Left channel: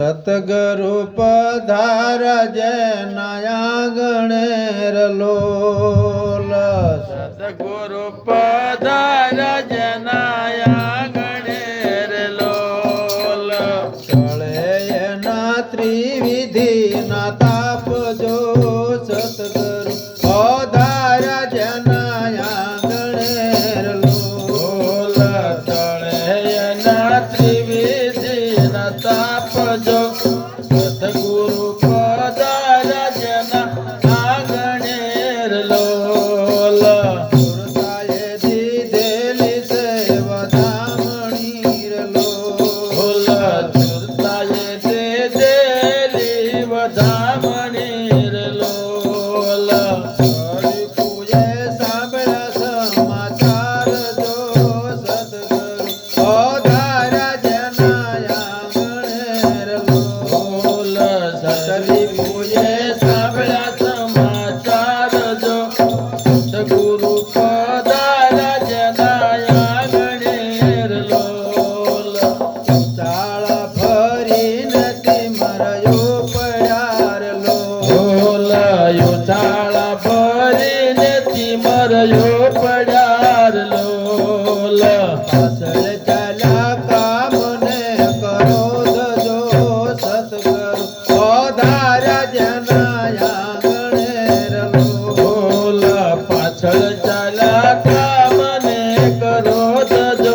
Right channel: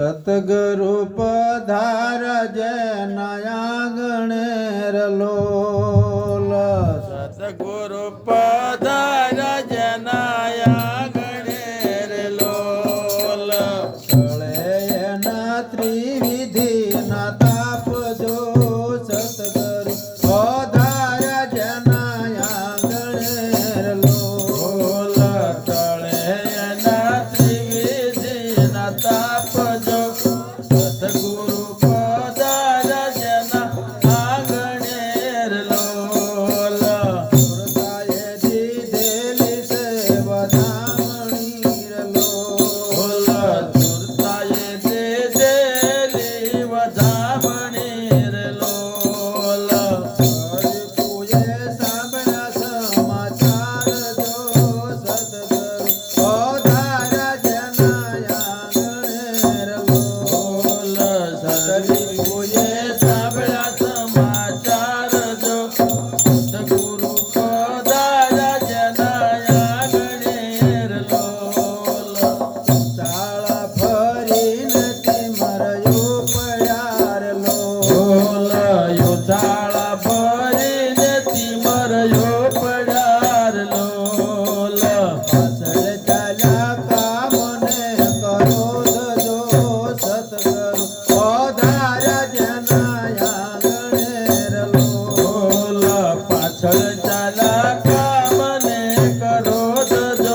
સતગુરુ પધાર જય નયા ગણેર લોલ. સતગુરુ પધાર જય નયા ગણેર લોલ. કળે ના ત્રિવિધિ ના સરી પૂજે સાંભળ્યા સમાચાર જો સગુરુ પદારા જનાયા ગણેર લોલ. ચાળા ફરી નથી મરયો પયાર લોલ. યો ચાળા ફરી નથી મરયો પયાર લોલ. પાછળ ચાલા કામને કરો